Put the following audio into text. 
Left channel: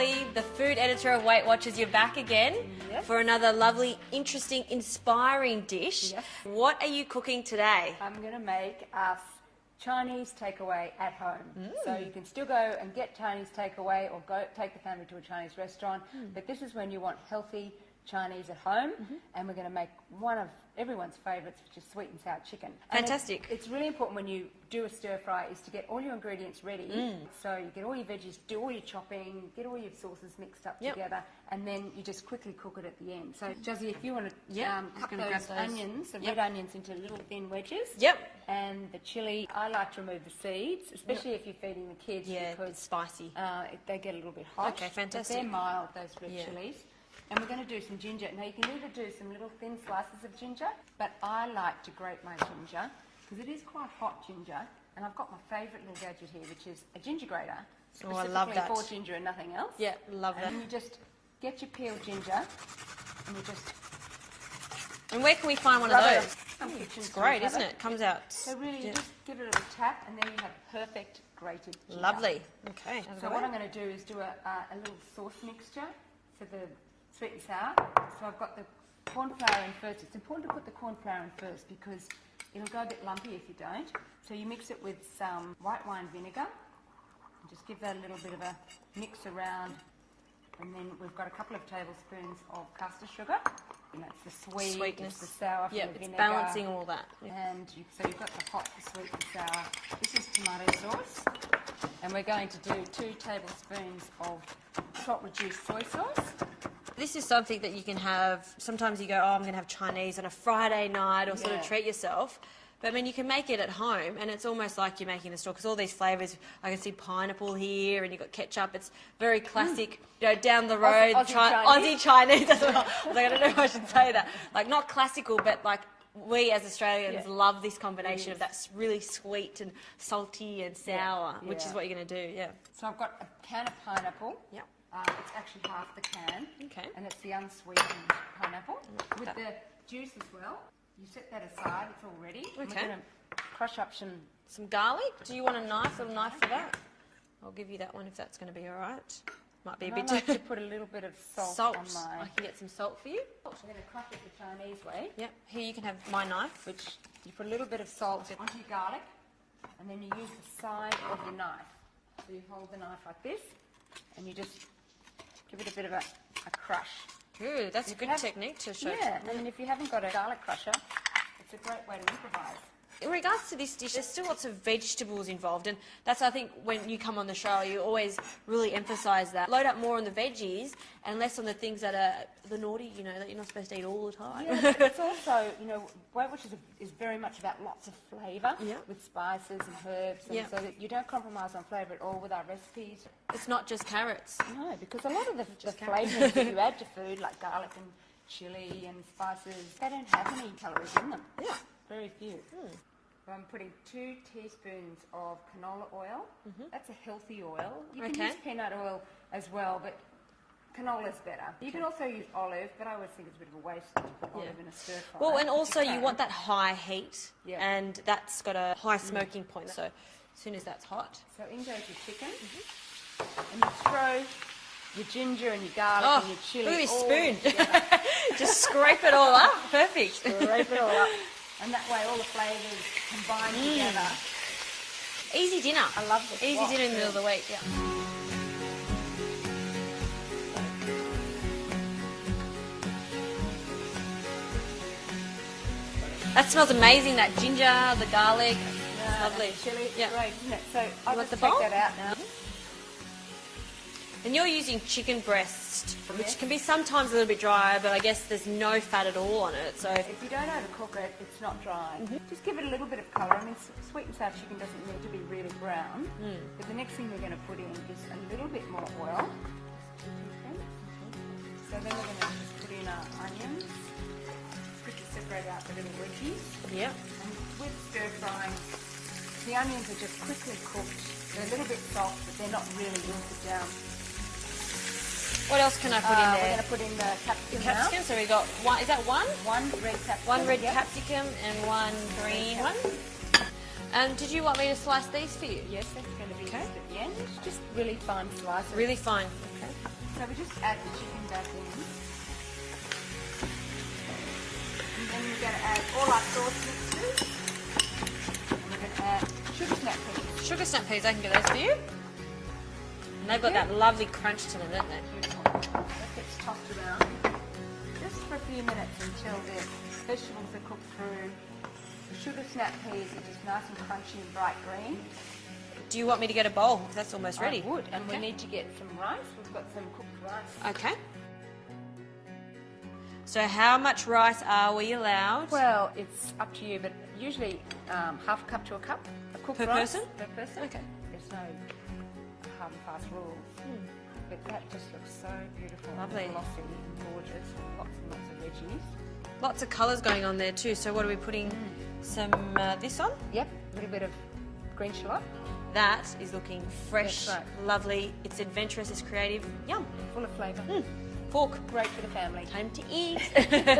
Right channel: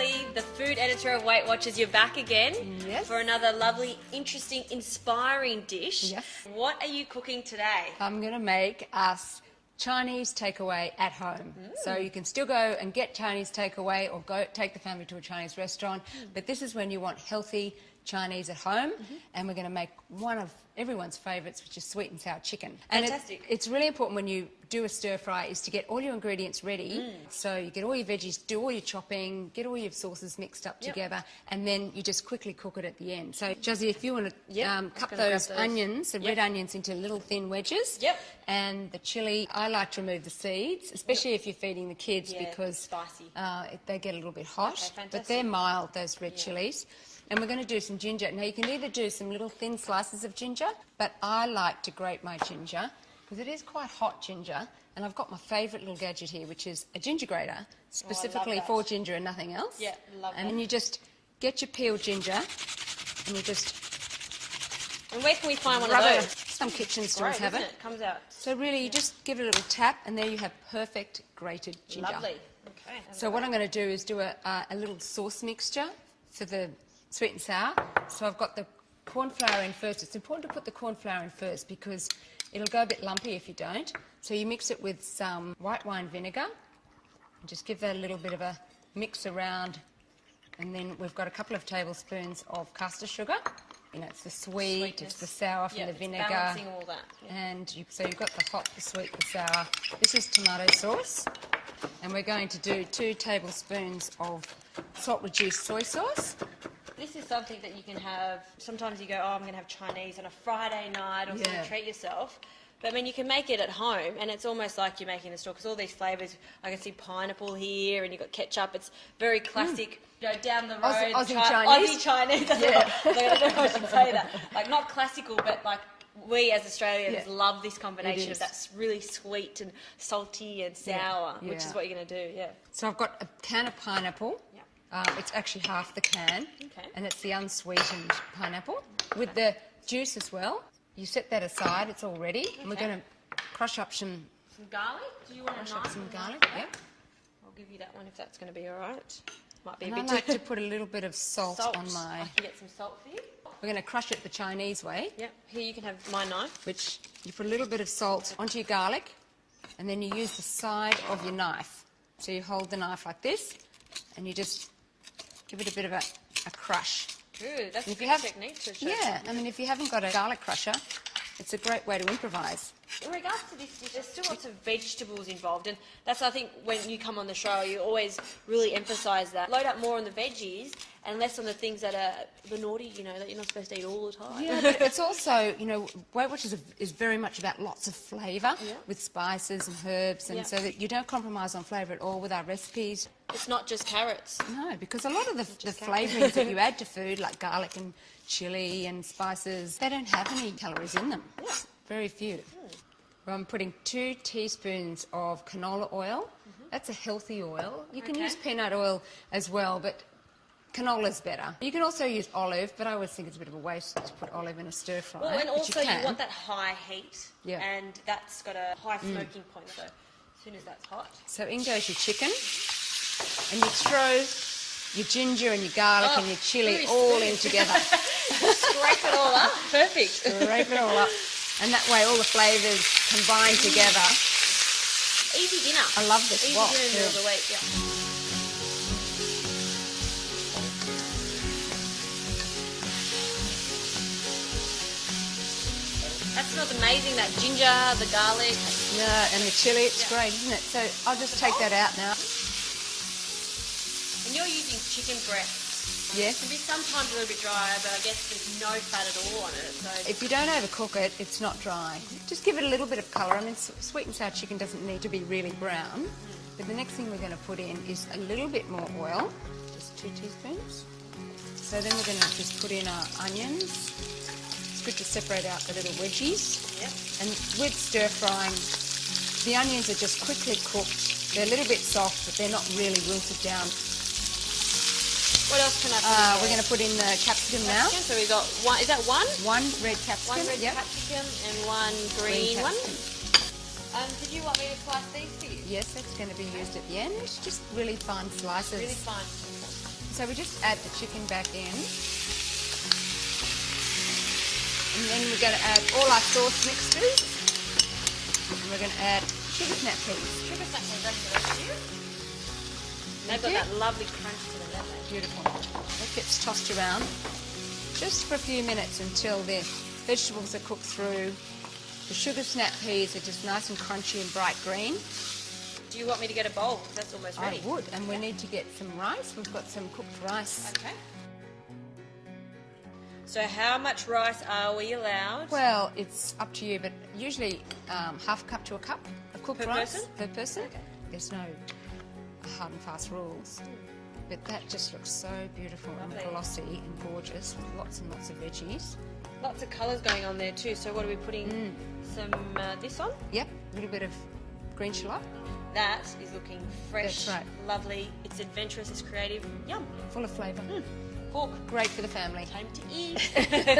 Shirley, the food editor of Weight Watchers. You're back again for another lovely, interesting, inspiring dish. Yes. What are you cooking today? I'm going to make us Chinese takeaway at home. So you can still go and get Chinese takeaway or go take the family to a Chinese restaurant, but this is when you want healthy Chinese at home, and we're going to make one of everyone's favourites, which is sweet and sour chicken. And Fantastic. It's really important when you do a stir fry is to get all your ingredients ready. So you get all your veggies, do all your chopping, get all your sauces mixed up together, and then you just quickly cook it at the end. So Jazzy, if you want to cut those onions, the red onions, into little thin wedges. And the chilli, I like to remove the seeds, especially if you're feeding the kids, because it's spicy. They get a little bit hot. Okay, fantastic. But they're mild, those red chilies. And we're going to do some ginger. Now, you can either do some little thin slices of ginger, but I like to grate my ginger, because it is quite hot ginger. And I've got my favourite little gadget here, which is a ginger grater, specifically for ginger and nothing else. Yeah, love that. And then you just get your peeled ginger, and you just... And where can we find one of those? Some kitchen stores have isn't it? Comes out. So really, you just give it a little tap, and there you have perfect grated ginger. Lovely. Okay. So what I'm going to do is do a little sauce mixture for the sweet and sour. So I've got the corn flour in first. It's important to put the corn flour in first because it'll go a bit lumpy if you don't. So you mix it with some white wine vinegar. And just give that a little bit of a mix around. And then we've got a couple of tablespoons of caster sugar. You know, it's the sweet, it's the sour from the vinegar. It's balancing all that. And so you've got the hot, the sweet, the sour. This is tomato sauce. And we're going to do 2 tablespoons of salt-reduced soy sauce. This is something that you can have. Sometimes you go, oh, I'm going to have Chinese on a Friday night or sort of treat yourself. But I mean, you can make it at home, and it's almost like you're making the store because all these flavours. I can see pineapple here, and you've got ketchup. It's very classic. You know, down the road, Aussie Chinese. That's what I don't know if I should say that. Like not classical, but like we as Australians love this combination of that really sweet and salty and sour, which is what you're going to do. Yeah. So I've got a can of pineapple. Yeah. It's actually half the can. Okay. And it's the unsweetened pineapple with the juice as well. You set that aside. It's all ready. Okay. And we're going to crush up some garlic. Do you want a knife for that? I'll give you that one if that's going to be all right. Might be a bit. I like to put a little bit of salt on my. I can get some salt for you. We're going to crush it the Chinese way. Yep. Here you can have my knife. Which you put a little bit of salt onto your garlic, and then you use the side of your knife. So you hold the knife like this, and you just give it a bit of a crush. Ooh, that's a good technique to show. Yeah, I mean, if you haven't got a garlic crusher, it's a great way to improvise. In regards to this dish, there's still lots of vegetables involved, and that's, I think, when you come on the show, you always really emphasise that. Load up more on the veggies and less on the things that are the naughty, you know, that you're not supposed to eat all the time. Yeah, it's also, you know, Weight Watchers is very much about lots of flavour with spices and herbs, and so that you don't compromise on flavour at all with our recipes. It's not just carrots. No, because a lot of the flavourings that you add to food, like garlic and chilli and spices, they don't have any calories in them. Very few. Well, I'm putting 2 teaspoons of canola oil. That's a healthy oil. You can use peanut oil as well, but canola's better. You can also use olive, but I always think it's a bit of a waste to put olive in a stir fry. Well, and also you want that high heat, and that's got a high smoking point, so as soon as that's hot. So in goes your chicken, and you throw your ginger and your garlic and your chilli all in together. Just scrape it all up. Perfect. Scrape it all up. And that way all the flavours combine together. Easy dinner. I love this. Easy dinner in the middle of the week, That smells amazing, that ginger, the garlic. And the chilli, it's great, isn't it? So I'll just take that out now. And you're using chicken breast. Yes. It can be sometimes a little bit drier, but I guess there's no fat at all on it. So if you don't overcook it, it's not dry. Just give it a little bit of colour. I mean, sweet and sour chicken doesn't need to be really brown. But the next thing we're going to put in is a little bit more oil, just 2 teaspoons. So then we're going to just put in our onions. It's good to separate out the little wedgies. Yep. And with stir frying, the onions are just quickly cooked. They're a little bit soft, but they're not really wilted down. What else can I put in there? We're going to put in the capsicum now. So we've got one, is that one? 1 red capsicum. 1 red capsicum and 1 green one. And did you want me to slice these for you? Yes, that's going to be most at the end. Just really fine slices. Really fine. So we just add the chicken back in. And then we're going to add all our sauce mixtures. And we're going to add sugar snap peas. Sugar snap peas, I can give those to you. And they've got that lovely crunch to them, don't they? Beautiful. It gets tossed around just for a few minutes until the vegetables are cooked through. The sugar snap peas are just nice and crunchy and bright green. Do you want me to get a bowl? 'Cause that's almost ready. I would, and we need to get some rice. We've got some cooked rice. Okay. So how much rice are we allowed? Well, it's up to you, but usually half a cup to a cup of cooked Per rice. person? Per person. Okay. There's no hard and fast rules. But that just looks so beautiful Lovely. and glossy and gorgeous with lots and lots of veggies. Lots of colours going on there too. So what are we putting some this on? Yep, a little bit of green shallot. That is looking fresh, That's right. lovely. It's adventurous, it's creative. Yum. Full of flavour. Fork. Great for the family. Time to eat.